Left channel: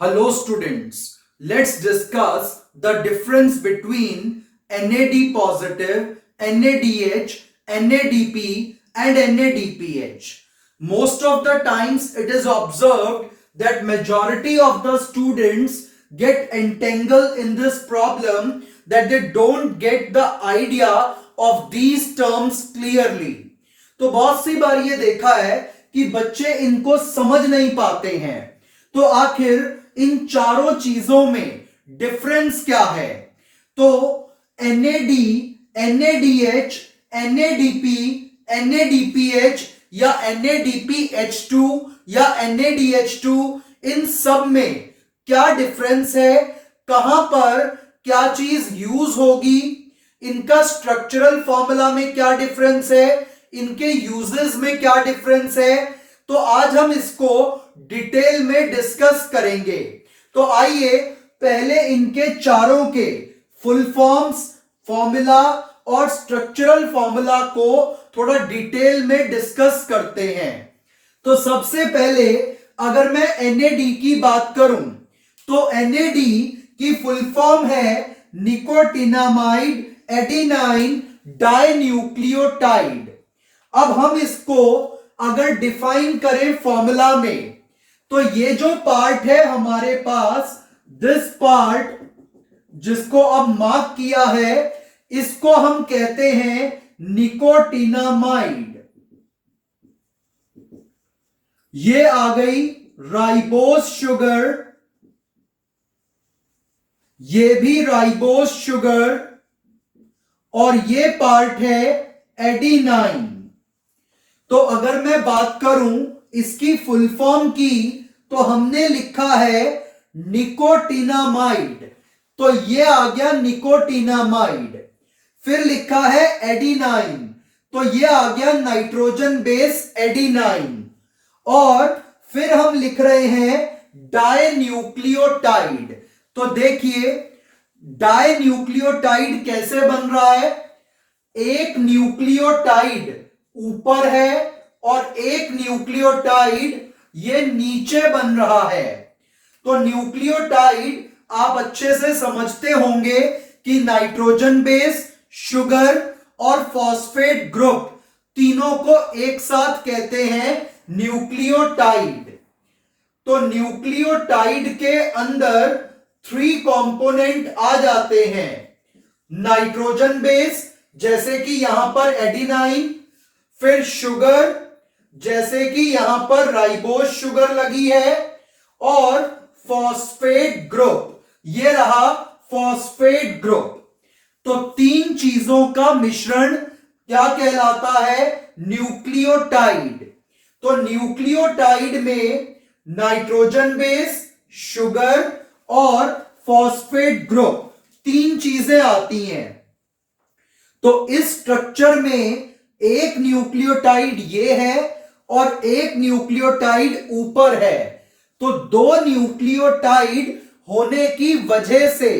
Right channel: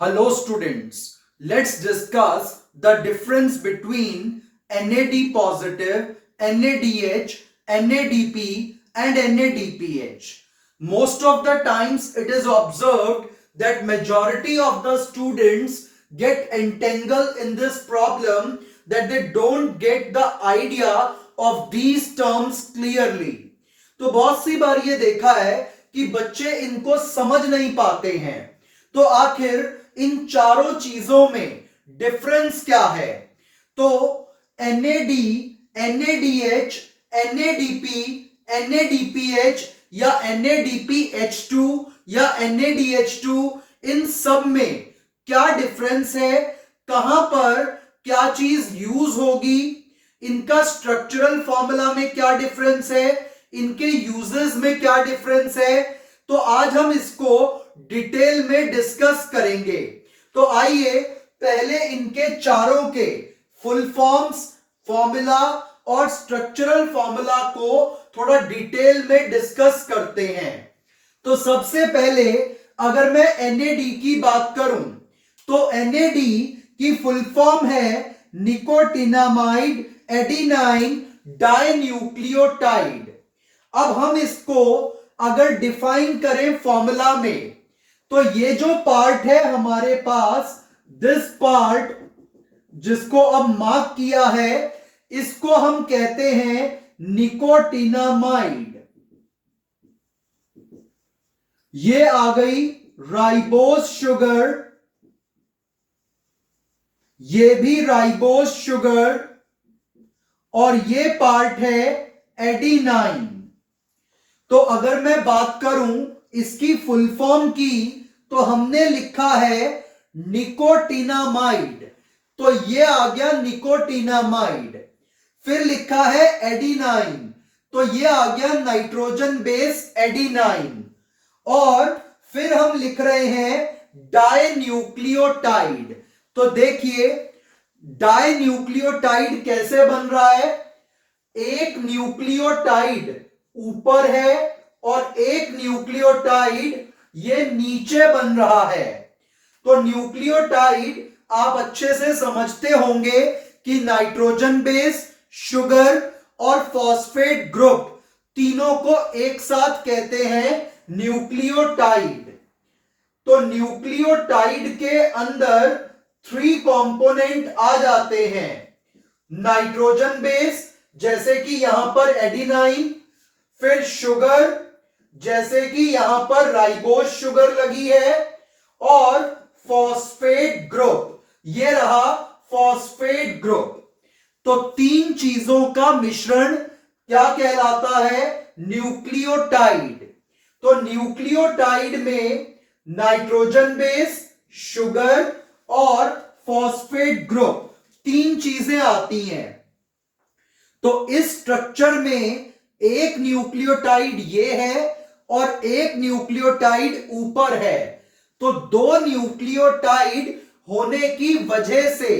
Hello students, let's discuss the difference between NAD positive, NADH, NADP and NADPH. Most of the times it is observed that majority of the students get entangled in this problem that they don't get the idea of these terms clearly. तो बहुत सी बार ये देखा है कि बच्चे इनको समझ नहीं पाते हैं। तो आखिर इन चारों चीजों में डिफरेंस क्या है? तो NAD, NADH, NADP, NADPH या NADPH2 या NADH2 इन सब में क्या डिफरेंस है? कहां पर क्या चीज यूज होगी? इनका स्ट्रक्चरल फॉर्मूला में क्या डिफरेंस है? इनके यूजेस में क्या डिफरेंस है? तो आज हम इसको डिटेल में डिस्कस करेंगे। तो आइए पहले इनके चारों के फुल फॉर्म्स, फॉर्मूला और स्ट्रक्चरल फॉर्मूला को थोड़ा डिटेल में डिस्कस करते हैं। तो सबसे पहले अगर मैं NAD की बात करूं तो NAD की फुल फॉर्म है निकोटिनामाइड एडिनाइन डाइन्यूक्लियोटाइड। अब हम इसको अगर डिफाइन करें फॉर्मूला में तो ये जो पार्ट है हमारे पास, दिस पार्ट जिसको अब मार्क किया है, इसको हम कहते हैं निकोटिनामाइड। ये आ गई राइबोज शुगर, ये भी राइबोज शुगर और ये पार्ट है एडिनाइन। तो अगर मैं बात करूं इसकी फुल फॉर्म की तो हमने लिखा है निकोटिनामाइड, तो ये आ गया निकोटिनामाइड। फिर लिखा है एडिनाइन, तो ये आ गया नाइट्रोजन बेस एडिनाइन। और फिर हम लिख रहे हैं डाइन्यूक्लियोटाइड। तो देखिए डाइन्यूक्लियोटाइड कैसे बन रहा है? एक न्यूक्लियोटाइड ऊपर है और एक न्यूक्लियोटाइड ये नीचे बन रहा है। तो न्यूक्लियोटाइड आप अच्छे से समझते होंगे कि नाइट्रोजन बेस, शुगर और फॉस्फेट ग्रुप तीनों को एक साथ कहते हैं न्यूक्लियोटाइड। तो न्यूक्लियोटाइड के अंदर 3 कंपोनेंट आ जाते हैं। नाइट्रोजन बेस जैसे कि यहां पर एडिनाइन, फिर शुगर जैसे कि यहां पर राइबोज शुगर लगी है, और फॉस्फेट ग्रुप, ये रहा फॉस्फेट ग्रुप। तो 3 चीजों का मिश्रण क्या कहलाता है? न्यूक्लियोटाइड। तो न्यूक्लियोटाइड में नाइट्रोजन बेस, शुगर और फॉस्फेट ग्रुप 3 चीजें आती हैं। तो इस स्ट्रक्चर में एक न्यूक्लियोटाइड ये है और एक न्यूक्लियोटाइड ऊपर है। तो 2 न्यूक्लियोटाइड होने की वजह से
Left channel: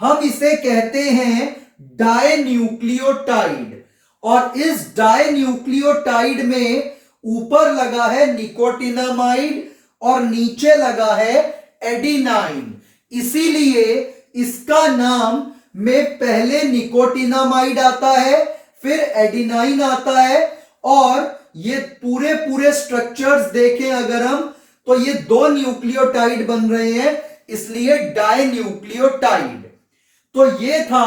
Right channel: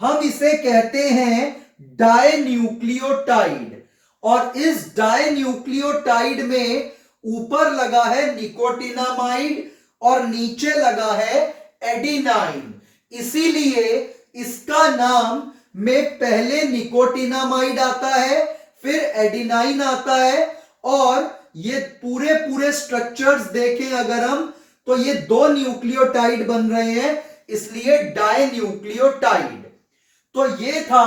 हम इसे कहते हैं डाइन्यूक्लियोटाइड। और इस डाइन्यूक्लियोटाइड में ऊपर लगा है निकोटिनामाइड और नीचे लगा है एडिनाइन। इसीलिए इसका नाम में पहले निकोटिनामाइड आता है, फिर एडिनाइन आता है। और ये पूरे पूरे स्ट्रक्चर्स देखें अगर हम, तो ये 2 न्यूक्लियोटाइड बन रहे हैं, इसलिए डाइन्यूक्लियोटाइड। तो ये था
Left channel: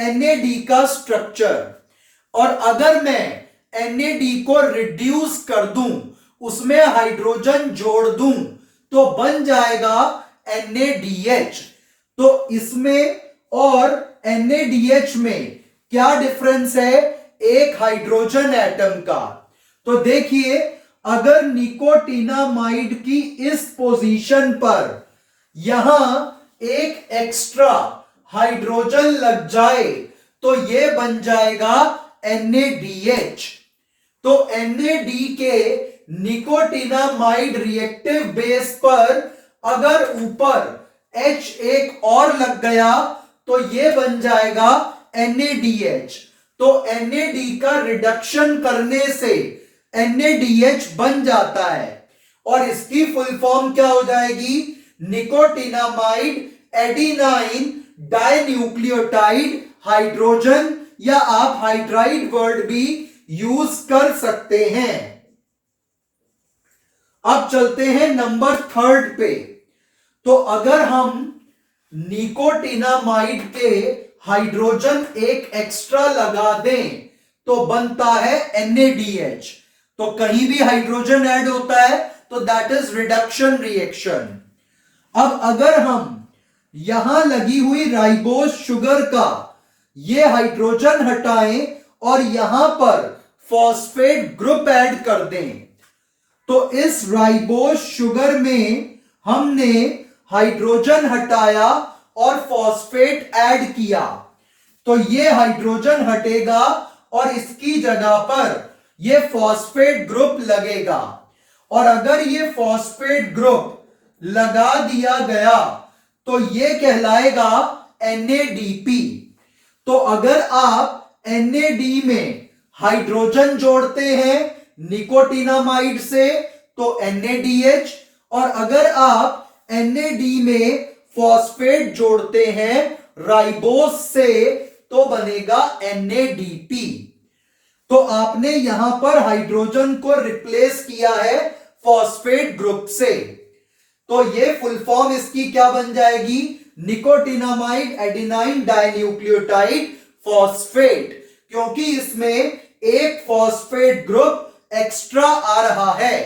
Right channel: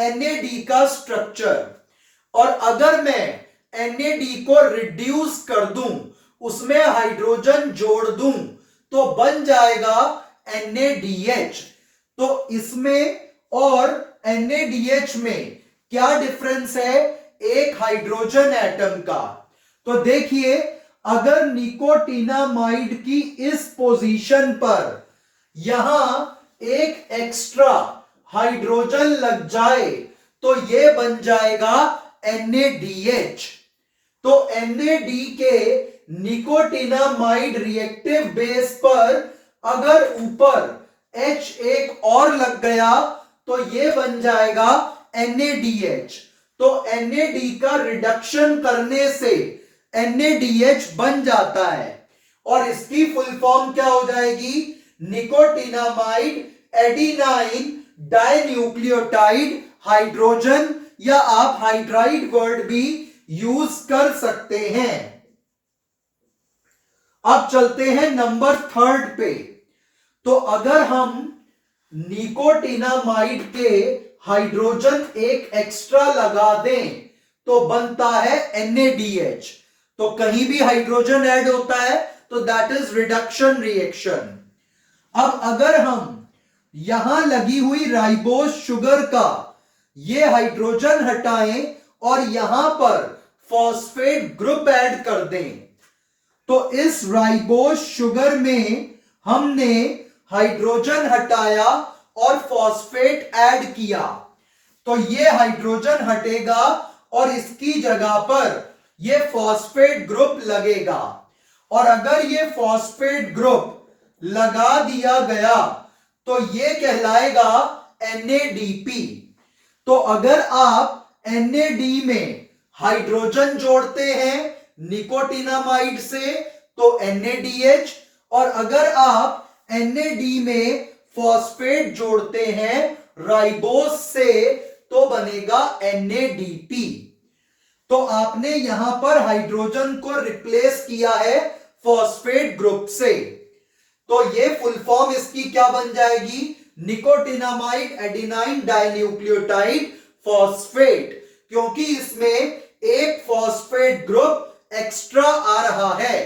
NAD का स्ट्रक्चर। और अगर मैं NAD को रिड्यूस कर दूं, उसमें हाइड्रोजन जोड़ दूं, तो बन जाएगा NADH। तो इसमें और NADH में क्या डिफरेंस है? एक हाइड्रोजन एटम का। तो देखिए अगर निकोटिनामाइड की इस पोजीशन पर यहां एक एक्स्ट्रा हाइड्रोजन लग जाए तो यह बन जाएगा NADH। तो NAD के निकोटिनामाइड रिएक्टिव बेस पर अगर ऊपर H एक और लग गया तो यह बन जाएगा NADH। तो NAD का रिडक्शन करने से NADH बन जाता है और इसकी फुल फॉर्म क्या हो जाएगी? निकोटिनामाइड एडिनाइन डाइन्यूक्लियोटाइड हाइड्रोजन, या आप हाइड्राइड वर्ड भी यूज कर सकते हैं। अब चलते हैं नंबर 3 पे। तो अगर हम निकोटिनामाइड के हाइड्रोजन एक एक्स्ट्रा लगा दें तो बनता है NaDH। तो कहीं भी हाइड्रोजन ऐड होता है तो दैट इज रिडक्शन रिएक्शन। अब अगर हम यहां लगी हुई राइबोस शुगर का ये हाइड्रोजन हटाएं और यहां पर फॉस्फेट ग्रुप ऐड कर दें, तो इस राइबोस शुगर में हमने हाइड्रोजन हटाया और फॉस्फेट ऐड किया, तो ये हाइड्रोजन हटेगा और इसकी जगह पर ये फॉस्फेट ग्रुप लगेगा। और अगर ये फॉस्फेट ग्रुप लगा दिया गया तो ये कहलाएगा NADP। तो अगर आप NAD में हाइड्रोजन जोड़ते हैं निकोटिनामाइड से तो NADH, और अगर आप NAD में फॉस्फेट जोड़ते हैं राइबोस से तो बनेगा NADP। तो आपने यहां पर हाइड्रोजन को रिप्लेस किया है फॉस्फेट ग्रुप से, तो ये फुल फॉर्म इसकी क्या बन जाएगी, निकोटिनामाइड एडिनाइन डाइन्यूक्लियोटाइड फॉस्फेट, क्योंकि इसमें एक फॉस्फेट ग्रुप एक्स्ट्रा आ रहा है।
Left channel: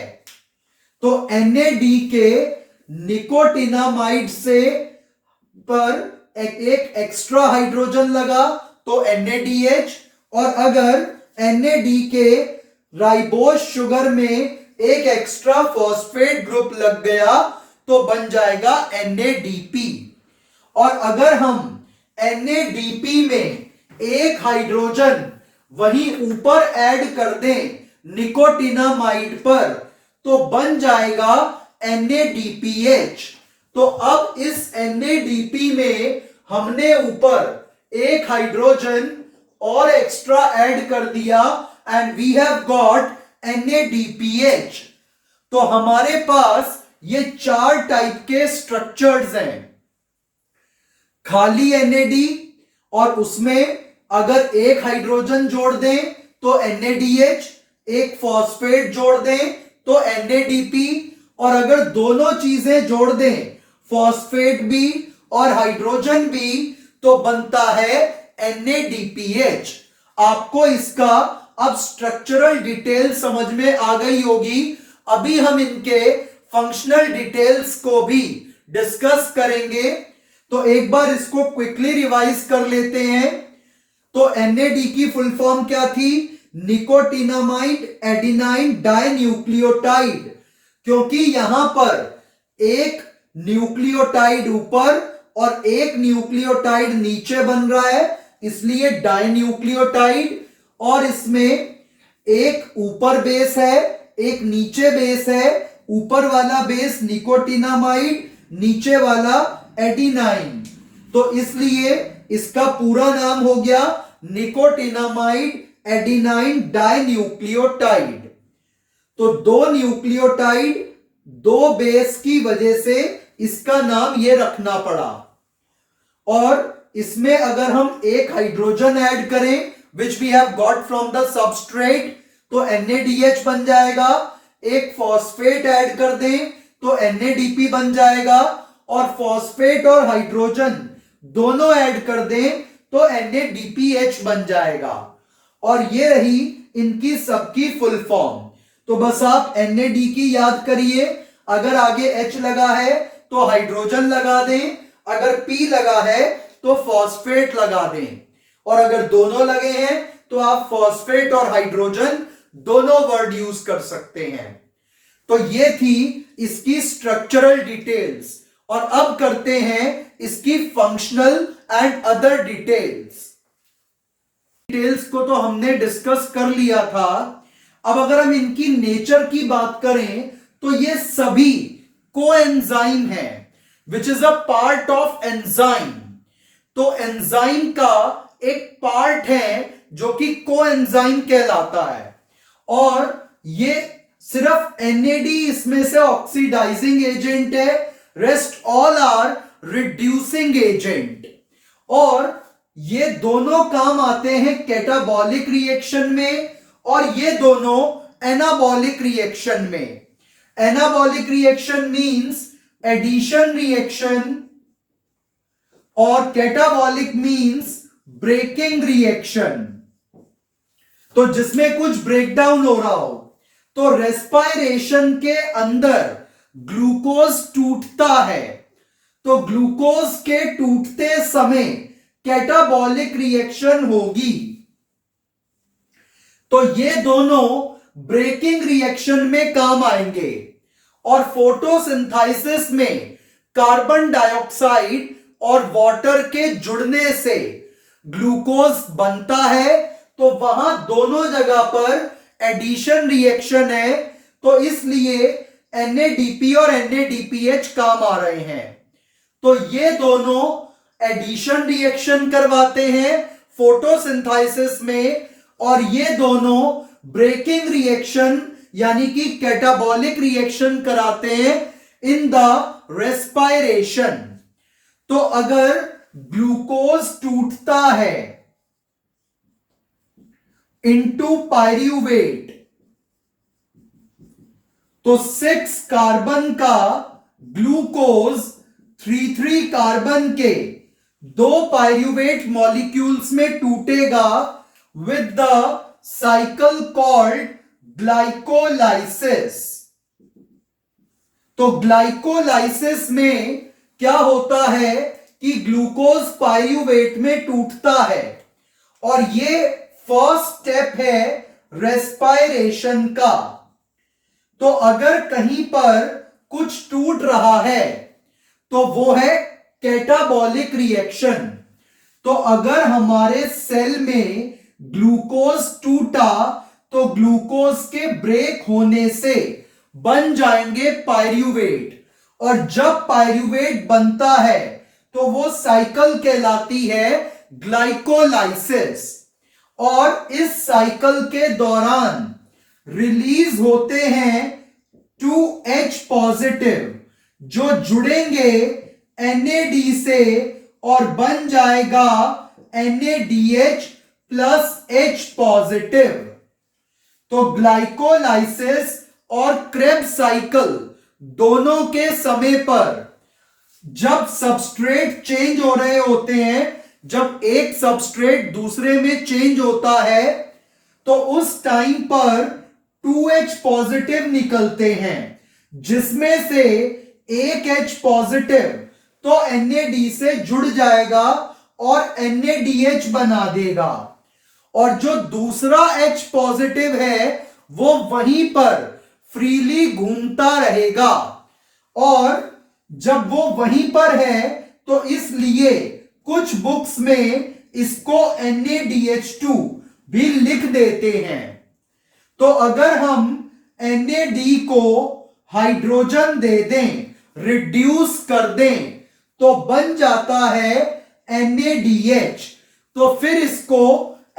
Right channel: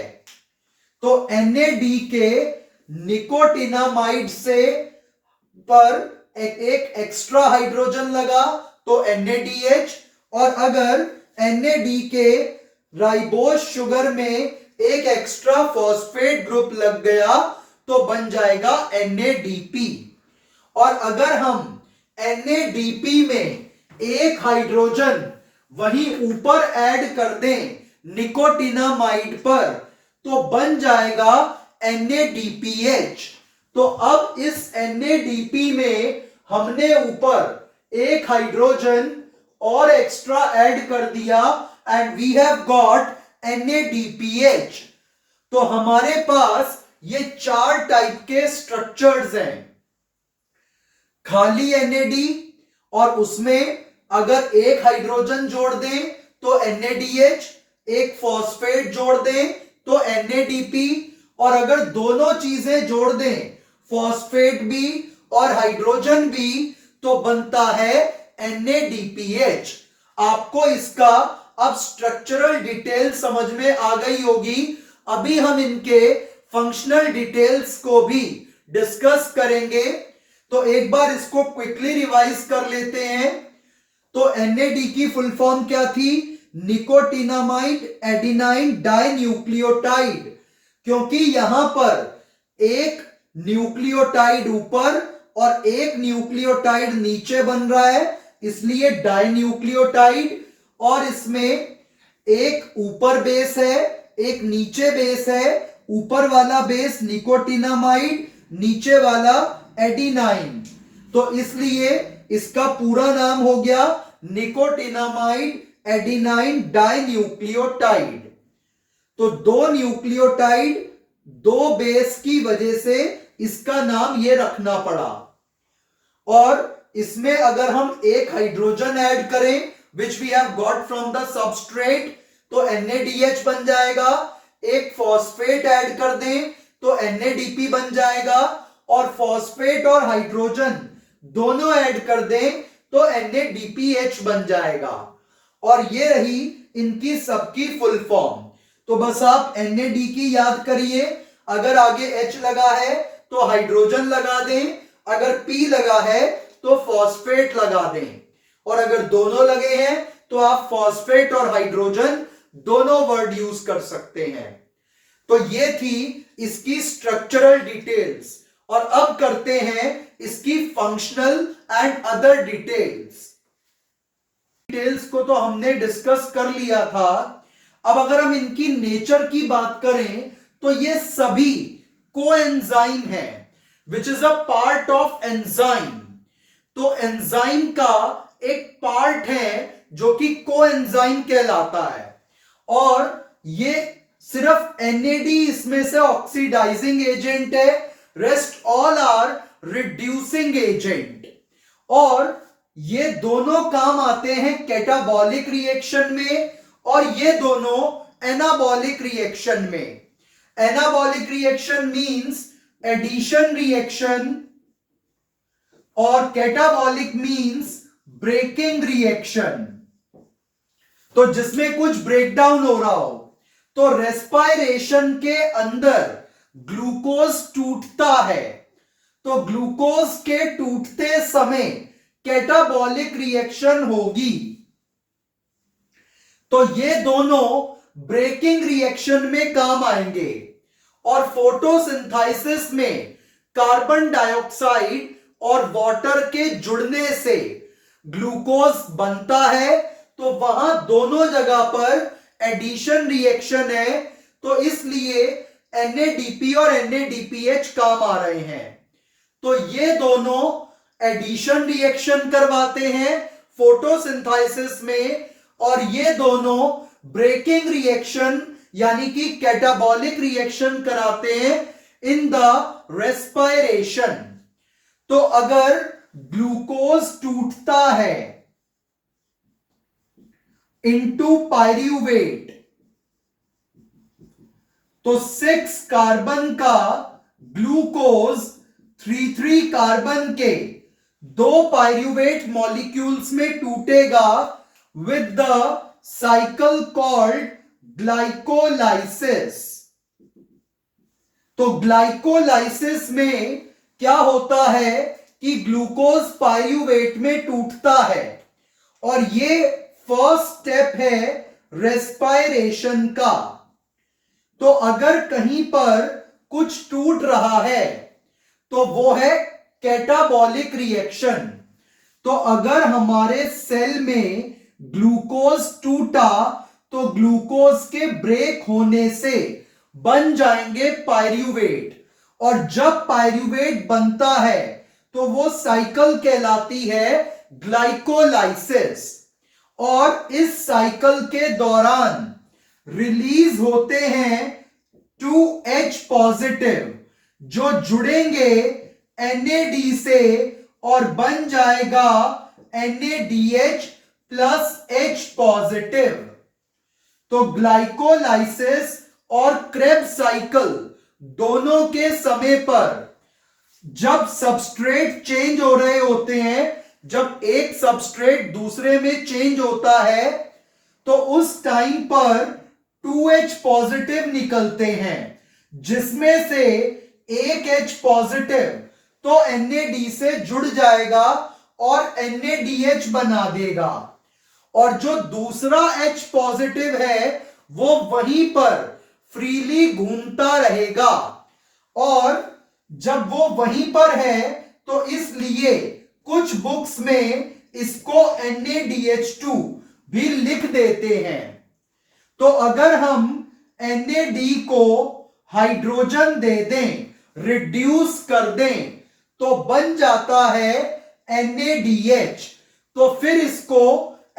तो NAD के निकोटिनामाइड से पर एक एक्स्ट्रा हाइड्रोजन लगा तो NADH, और अगर NAD के राइबोस शुगर में एक एक्स्ट्रा फॉस्फेट ग्रुप लग गया तो बन जाएगा NADP। और अगर हम NADP में एक हाइड्रोजन वहीं ऊपर ऐड कर दें निकोटिनामाइड पर तो बन जाएगा NADPH। तो अब इस NADP में हमने ऊपर एक हाइड्रोजन और एक्स्ट्रा ऐड कर दिया and we have got NADPH। तो हमारे पास ये 4 टाइप के स्ट्रक्चर्स हैं, खाली NAD, और उसमें अगर एक हाइड्रोजन जोड़ दें तो NADH, एक फॉस्फेट जोड़ दें तो NADP, और अगर दोनों चीजें जोड़ दें फॉस्फेट भी और हाइड्रोजन भी तो बनता है NADPH। आपको इसका अब स्ट्रक्चरल डिटेल समझ में आ गई होगी। अभी हम इनके फंक्शनल डिटेल्स को भी डिस्कस करेंगे, तो एक बार इसको क्विकली रिवाइज कर लेते हैं। तो NAD की फुल फॉर्म क्या थी, निकोटिनामाइड एडिनाइन डाइन्यूक्लियोटाइड, क्योंकि यहां पर एक न्यूक्लियोटाइड ऊपर और एक न्यूक्लियोटाइड नीचे बन रहा है, इसलिए डाइन्यूक्लियोटाइड। और इसमें एक ऊपर बेस है एक नीचे बेस है, ऊपर वाला बेस निकोटिनामाइड, नीचे वाला एडिनाइन, तो इसलिए इसका पूरा नाम हो गया निकोटिनामाइड एडिनाइन डाइन्यूक्लियोटाइड। तो 2 न्यूक्लियोटाइड 2 बेस की वजह से इसका नाम ये रखना पड़ा। और इसमें अगर हम एक हाइड्रोजन ऐड करें which we have got from the substrate तो NADH बन जाएगा, एक फॉस्फेट ऐड कर दें तो NADP बन जाएगा, और फॉस्फेट और हाइड्रोजन दोनों ऐड कर दें तो NADPH बन जाएगा। और ये रही इनकी सबकी फुल फॉर्म। तो बस आप NAD की याद करिए, अगर आगे H लगा है तो हाइड्रोजन लगा दें, अगर P लगा है तो फॉस्फेट लगा दें, और अगर दोनों लगे हैं तो आप फॉस्फेट और हाइड्रोजन दोनों वर्ड यूज कर सकते हैं। तो ये थी इसकी स्ट्रक्चरल डिटेल्स, और अब करते हैं इसकी functional and other details. Details को तो हमने डिस्कस कर लिया था। अब अगर हम इनकी नेचर की बात करें तो ये सभी कोएंजाइम है, which is a part of enzyme. तो एंजाइम का एक पार्ट है जो कि कोएंजाइम कहलाता है, और ये सिर्फ NAD इसमें से ऑक्सीडाइजिंग एजेंट है, rest all are reducing agent. और ये दोनों काम आते हैं कैटाबॉलिक रिएक्शन में और ये दोनों एनाबॉलिक रिएक्शन में। Anabolic reaction means addition reaction और कैटाबॉलिक मींस ब्रेकिंग रिएक्शन। तो जिसमें कुछ ब्रेकडाउन हो रहा हो, तो रेस्पायरेशन के अंदर ग्लूकोज टूटता है, तो ग्लूकोज के टूटते समय कैटाबॉलिक रिएक्शन होगी। तो ये दोनों ब्रेकिंग रिएक्शन में काम आएंगे। और फोटोसिंथेसिस में कार्बन डाइऑक्साइड और वाटर के जुड़ने से ग्लूकोज बनता है, तो वहां दोनों जगह पर एडिशन रिएक्शन है, तो इसलिए NADP और NADPH काम आ रहे हैं। तो ये दोनों एडिशन रिएक्शन करवाते हैं फोटोसिंथेसिस में और ये दोनों ब्रेकिंग रिएक्शन यानी कि कैटाबॉलिक रिएक्शन कराते हैं इन द रेस्पायरेशन। तो अगर ग्लूकोज टूटता है इनटू पायरूवेट, तो 6 कार्बन का ग्लूकोज 3 कार्बन के 2 पायरूवेट मॉलिक्यूल्स में टूटेगा with the cycle called glycolysis. तो ग्लाइकोलाइसिस में क्या होता है कि ग्लूकोज पायरूवेट में टूटता है और ये फर्स्ट स्टेप है रेस्पायरेशन का। तो अगर कहीं पर कुछ टूट रहा है तो वो है कैटाबॉलिक रिएक्शन। तो अगर हमारे सेल में ग्लूकोज टूटा तो ग्लूकोज के ब्रेक होने से बन जाएंगे पायरूवेट, और जब पायरूवेट बनता है तो वो साइकिल कहलाती है ग्लाइकोलाइसिस। और इस साइकिल के दौरान रिलीज होते हैं 2H पॉजिटिव जो जुड़ेंगे NAD से और बन जाएगा NADH प्लस H पॉजिटिव। तो ग्लाइकोलाइसिस और क्रेब्स साइकिल दोनों के समय पर जब सबस्ट्रेट चेंज हो रहे होते हैं, जब एक सबस्ट्रेट दूसरे में चेंज होता है, तो उस टाइम पर 2H पॉजिटिव निकलते हैं, जिसमें से एक H पॉजिटिव तो NAD से जुड़ जाएगा और NADH बना देगा, और जो दूसरा H पॉजिटिव है वो वहीं पर फ्रीली घूमता रहेगा। और जब वो वहीं पर है तो इसलिए कुछ बुक्स में इसको NaDH2 भी लिख देते हैं। तो अगर हम NAD को हाइड्रोजन दे दें, रिड्यूस कर दें, तो बन जाता है NaDH। तो फिर इसको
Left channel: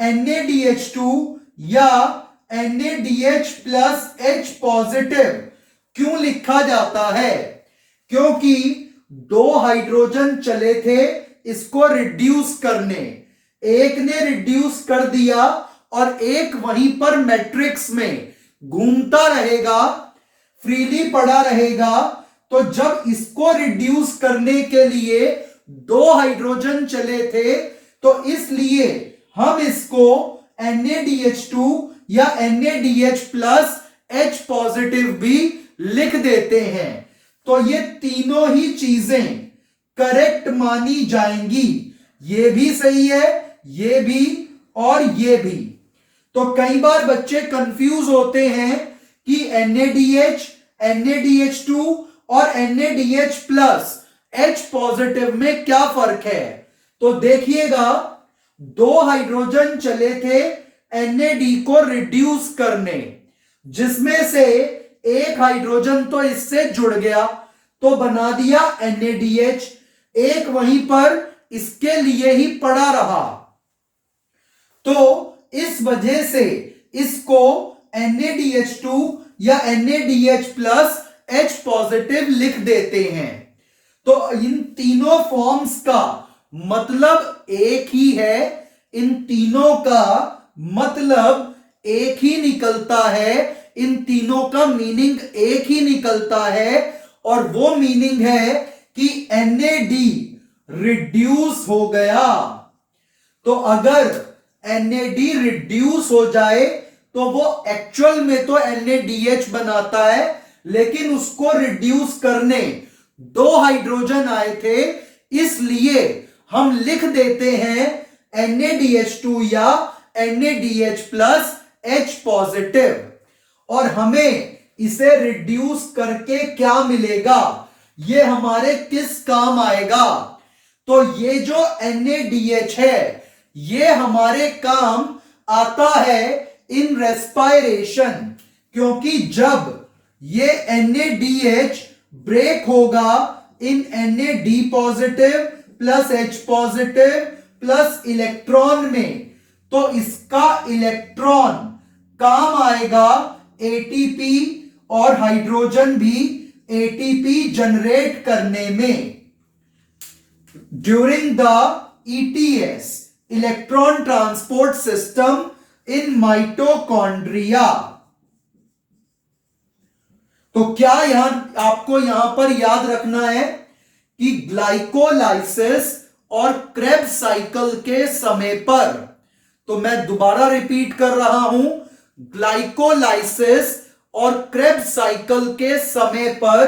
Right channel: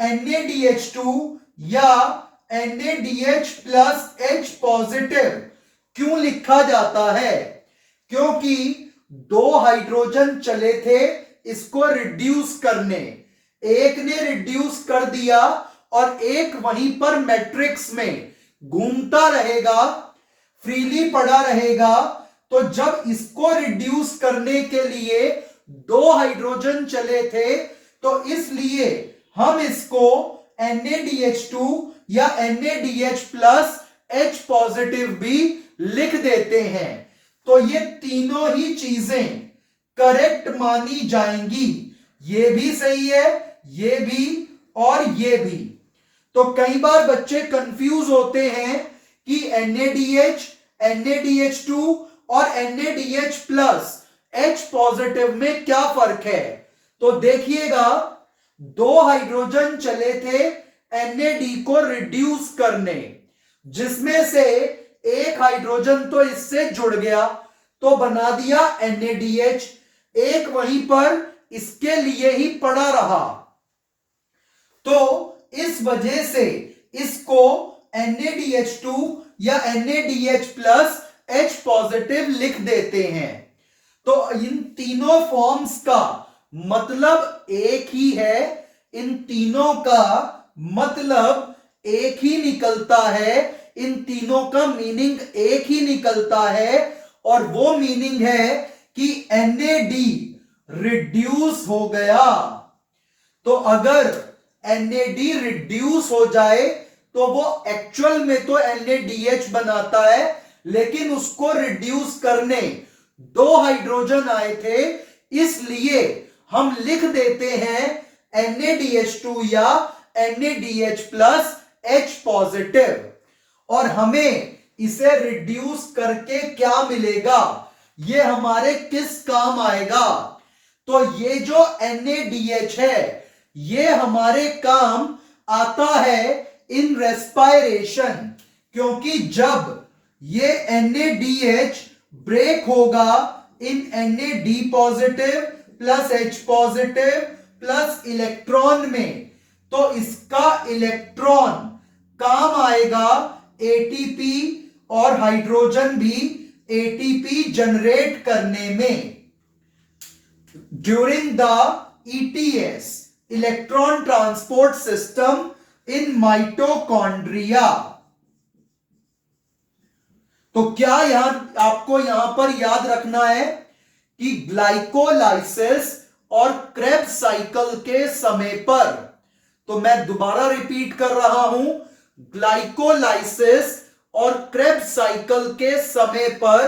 NaDH2 या NaDH प्लस H पॉजिटिव क्यों लिखा जाता है? क्योंकि 2 हाइड्रोजन चले थे इसको रिड्यूस करने, एक ने रिड्यूस कर दिया और एक वहीं पर मैट्रिक्स में घूमता रहेगा, फ्रीली पड़ा रहेगा। तो जब इसको रिड्यूस करने के लिए 2 हाइड्रोजन चले थे, तो इसलिए हम इसको NaDH2 या NaDH प्लस H पॉजिटिव भी लिख देते हैं। तो ये तीनों ही चीजें करेक्ट मानी जाएंगी, ये भी सही है, ये भी और ये भी। तो कई बार बच्चे कंफ्यूज होते हैं कि NaDH, NaDH2 और NaDH प्लस H पॉजिटिव में क्या फर्क है। तो देखिएगा, 2 हाइड्रोजन चले थे NAD को रिड्यूस करने, जिसमें से एक हाइड्रोजन तो इससे जुड़ गया तो बना दिया NaDH, एक वहीं पर इसके लिए ही पड़ा रहा। तो इस वजह से इसको NaDH2 या NaDH प्लस H पॉजिटिव लिख देते हैं। तो इन तीनों फॉर्म्स का मतलब एक ही है, इन तीनों का मतलब एक ही निकलता है, इन तीनों का मीनिंग एक ही निकलता है, और वो मीनिंग है कि NAD रिड्यूस हो गया। तो अगर NAD रिड्यूस हो जाए तो वो एक्चुअल में तो NADH बनाता है, लेकिन उसको रिड्यूस करने दो हाइड्रोजन आए थे, इसलिए हम लिख देते हैं NADH2 या NADH प्लस H पॉजिटिव। और हमें इसे रिड्यूस करके क्या मिलेगा, ये हमारे किस काम आएगा? तो ये जो NADH है ये हमारे काम आता है इन रेस्पायरेशन, क्योंकि जब ये NADH ब्रेक होगा इन NAD positive plus H positive plus electron में, तो इसका इलेक्ट्रॉन काम आएगा ATP और हाइड्रोजन भी ATP जनरेट करने में। During the ETS electron transport system in mitochondria. तो क्या आपको यहां पर याद रखना है कि ग्लाइकोलाइसिस और क्रेब्स साइकिल के समय पर, तो मैं दोबारा रिपीट कर रहा हूं, ग्लाइकोलाइसिस और क्रेब्स साइकिल के समय पर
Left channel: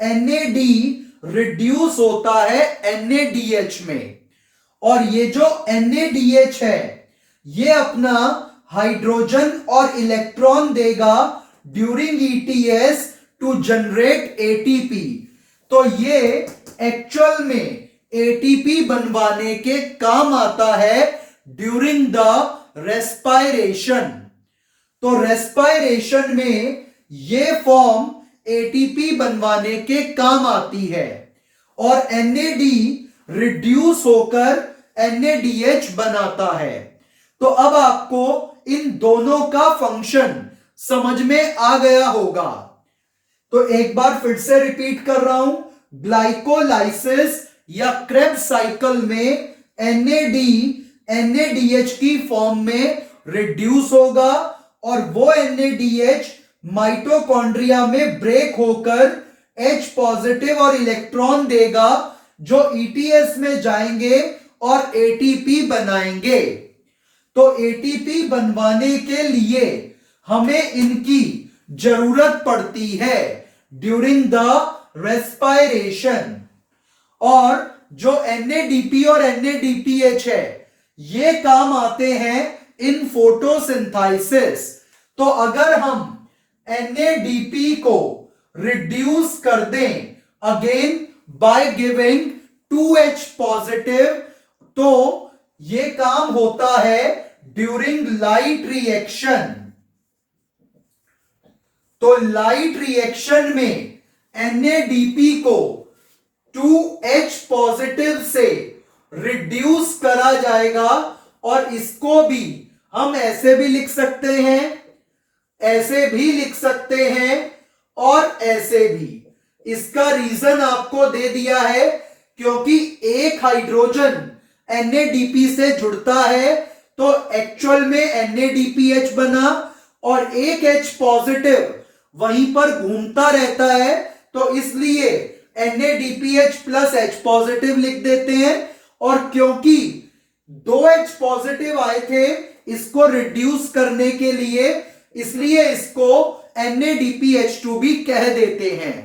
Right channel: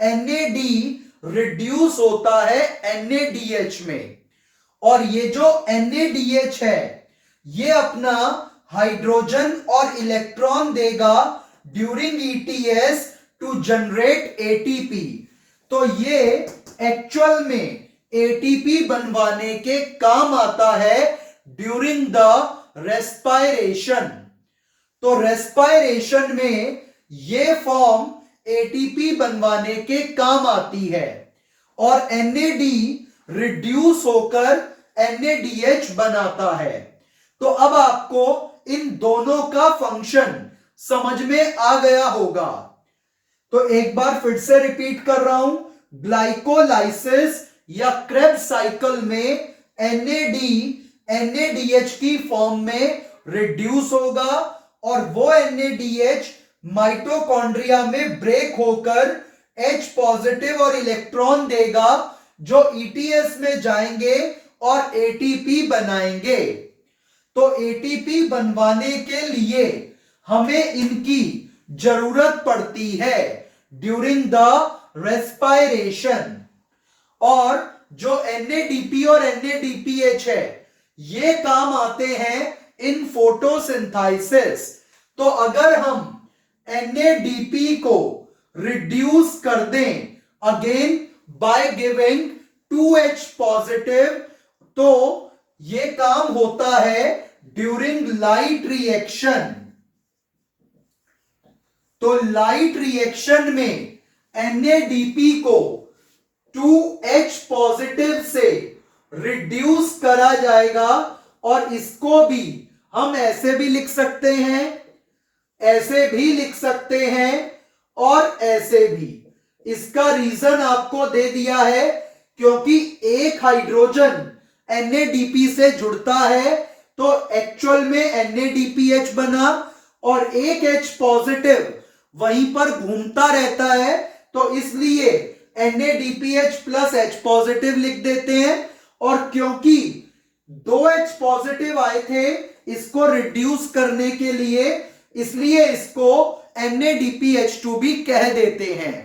NAD रिड्यूस होता है NADH में, और ये जो NADH है ये अपना हाइड्रोजन और इलेक्ट्रॉन देगा during ETS to generate ATP। तो ये एक्चुअल में ATP बनवाने के काम आता है ड्यूरिंग द रेस्पायरेशन। तो रेस्पायरेशन में ये फॉर्म ATP बनवाने के काम आती है, और NAD रिड्यूस होकर NADH बनाता है। तो अब आपको इन दोनों का फंक्शन समझ में आ गया होगा। तो एक बार फिर से रिपीट कर रहा हूं, ग्लाइकोलाइसिस या क्रेब्स साइकिल में NAD NADH की फॉर्म में रिड्यूस होगा, और वो NADH माइटोकॉन्ड्रिया में ब्रेक होकर H पॉजिटिव और इलेक्ट्रॉन देगा, जो ETS में जाएंगे और ATP बनाएंगे। तो ATP बनवाने के लिए हमें इनकी जरूरत पड़ती है ड्यूरिंग द रेस्पायरेशन। और जो NADP और NADPH है ये काम आते हैं इन फोटोसिंथेसिस। तो अगर हम NADP को रिड्यूस कर दें again by giving 2H positive, तो ये काम होता है ड्यूरिंग लाइट रिएक्शन। तो लाइट रिएक्शन में NADP को 2H पॉजिटिव से रिड्यूस करा जाएगा, और इसको भी हम ऐसे भी लिख सकते हैं, ऐसे भी लिख सकते हैं, और ऐसे भी। इसका रीजन आपको दे दिया है, क्योंकि एक हाइड्रोजन NADP से जुड़ता है तो एक्चुअल में NADPH बना, और एक H पॉजिटिव वहीं पर घूमता रहता है, तो इसलिए NADPH प्लस H पॉजिटिव लिख देते हैं। और क्योंकि 2H पॉजिटिव आए थे इसको रिड्यूस करने के लिए, इसलिए इसको NADPH2 भी कह देते हैं।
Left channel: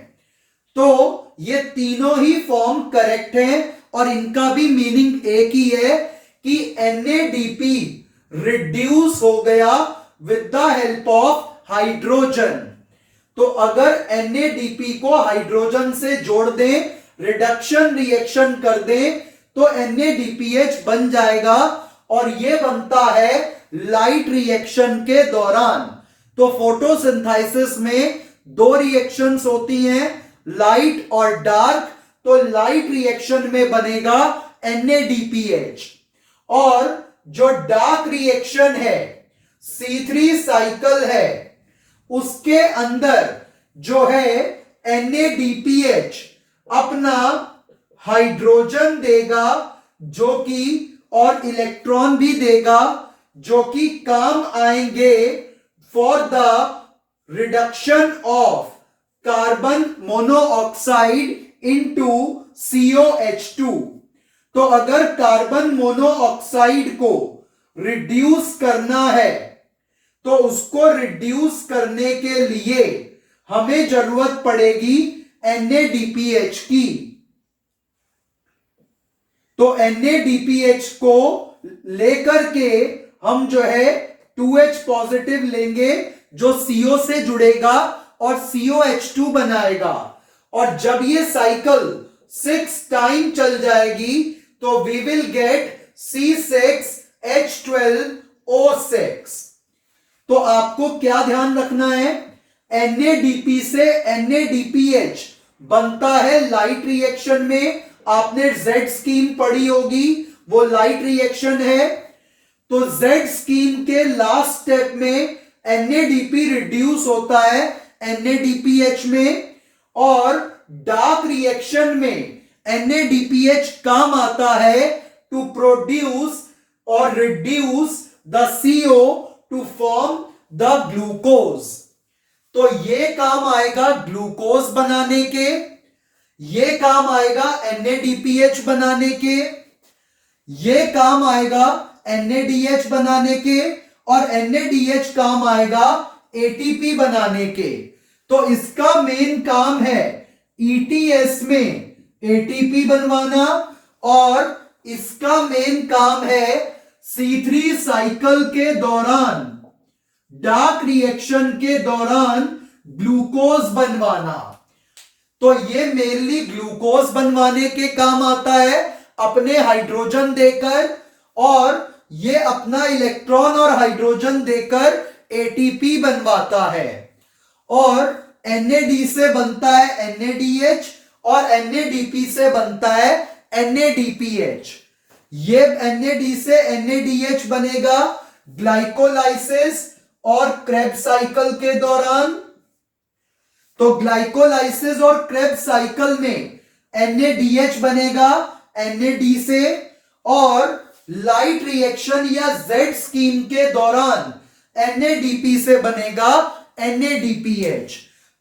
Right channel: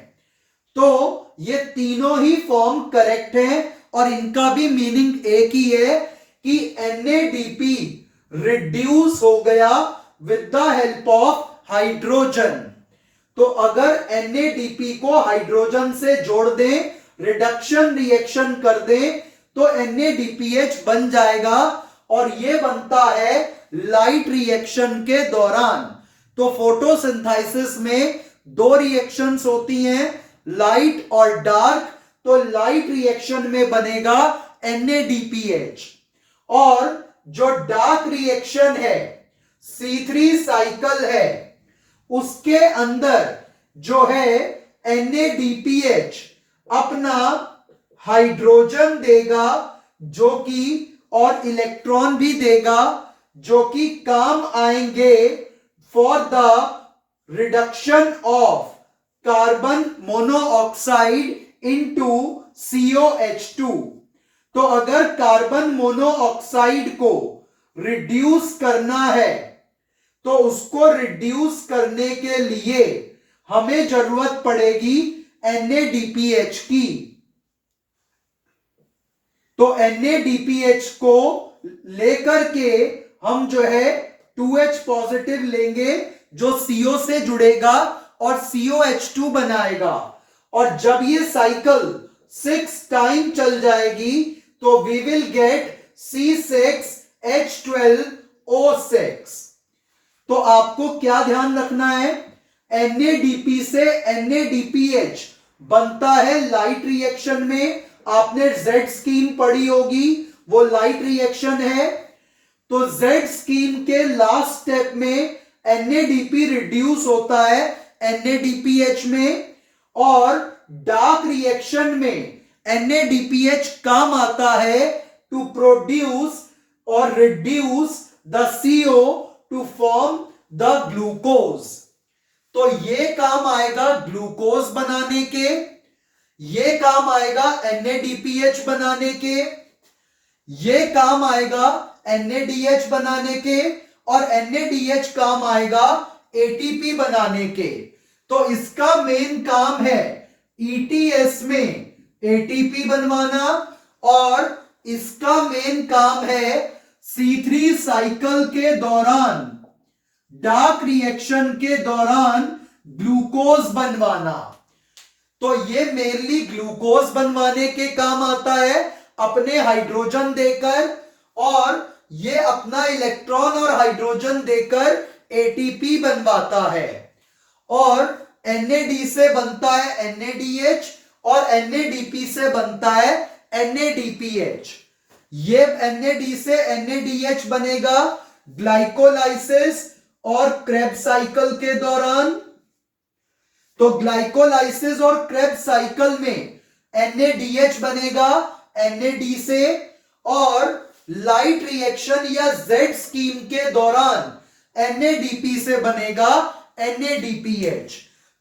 तो ये तीनों ही फॉर्म करेक्ट हैं, और इनका भी मीनिंग एक ही है कि NADP रिड्यूस हो गया with the help of hydrogen. तो अगर NADP को हाइड्रोजन से जोड़ दें, रिडक्शन रिएक्शन कर दें, तो NADPH बन जाएगा, और ये बनता है लाइट रिएक्शन के दौरान। तो फोटोसिंथेसिस में दो रिएक्शंस होती हैं, लाइट और डार्क। तो लाइट रिएक्शन में बनेगा NADPH, और जो डार्क रिएक्शन है C3 साइकिल है उसके अंदर जो है NADPH अपना हाइड्रोजन देगा जो कि और इलेक्ट्रॉन भी देगा जो कि काम आएंगे for the reduction of carbon monoxide into COH2। तो अगर कार्बन मोनोऑक्साइड को रिड्यूस करना है तो उसको रिड्यूस करने के लिए हमें जरूरत पड़ेगी NADPH की। तो NADPH को लेकर के हम जो है 2H पॉजिटिव लेंगे जो CO से जुड़ेगा और COH2 बनाएगा। और जब ये साइकिल 6 टाइम चल जाएगी तो वी विल गेट C6H12O6। तो आपको क्या ध्यान रखना है, NADP से NADPH बनता है लाइट रिएक्शन में। आपने Z स्कीम पढ़ी होगी, वो लाइट रिएक्शन है। तो Z स्कीम के लास्ट स्टेप में NADP रिड्यूस होता है NADPH में, और डार्क रिएक्शन में NADPH काम आता है टू प्रोड्यूस और reduce the CO to form the glucose. तो ये काम आएगा ग्लूकोज बनाने के, ये काम आएगा NADPH बनाने के, ये काम आएगा NADH बनाने के, और NADH काम आएगा ATP बनाने के। तो इसका मेन काम है ETS में ATP बनवाना, और इसका मेन काम है C3 साइकिल के दौरान, डार्क रिएक्शन के दौरान ग्लूकोज बनवाना। तो ये मेनली ग्लूकोज बनवाने के काम आता है अपने हाइड्रोजन देकर, और ये अपना इलेक्ट्रॉन और हाइड्रोजन देकर ATP बनवाता है। और NAD से बनता है NADH और NADP से बनता है NADPH। ये NAD से NADH बनेगा ग्लाइकोलाइसिस और क्रेब्स साइकिल के दौरान। तो ग्लाइकोलाइसिस और क्रेब्स साइकिल में NADH बनेगा NAD से, और लाइट रिएक्शन या Z स्कीम के दौरान NADP से बनेगा NADPH।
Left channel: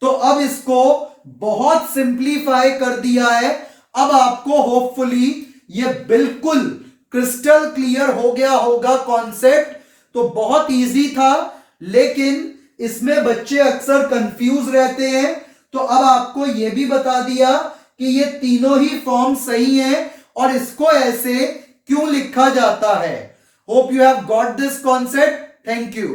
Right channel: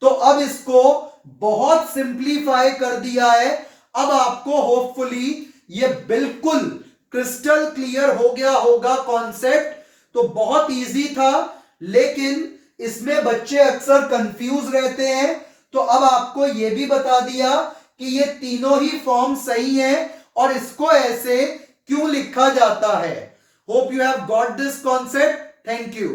तो अब इसको बहुत सिंप्लीफाई कर दिया है। अब आपको होपफुली ये बिल्कुल क्रिस्टल क्लियर हो गया होगा कॉन्सेप्ट। तो बहुत इजी था, लेकिन इसमें बच्चे अक्सर कंफ्यूज रहते हैं। तो अब आपको यह भी बता दिया कि ये तीनों ही फॉर्म सही हैं और इसको ऐसे क्यों लिखा जाता है। Hope you have got this concept. Thank you.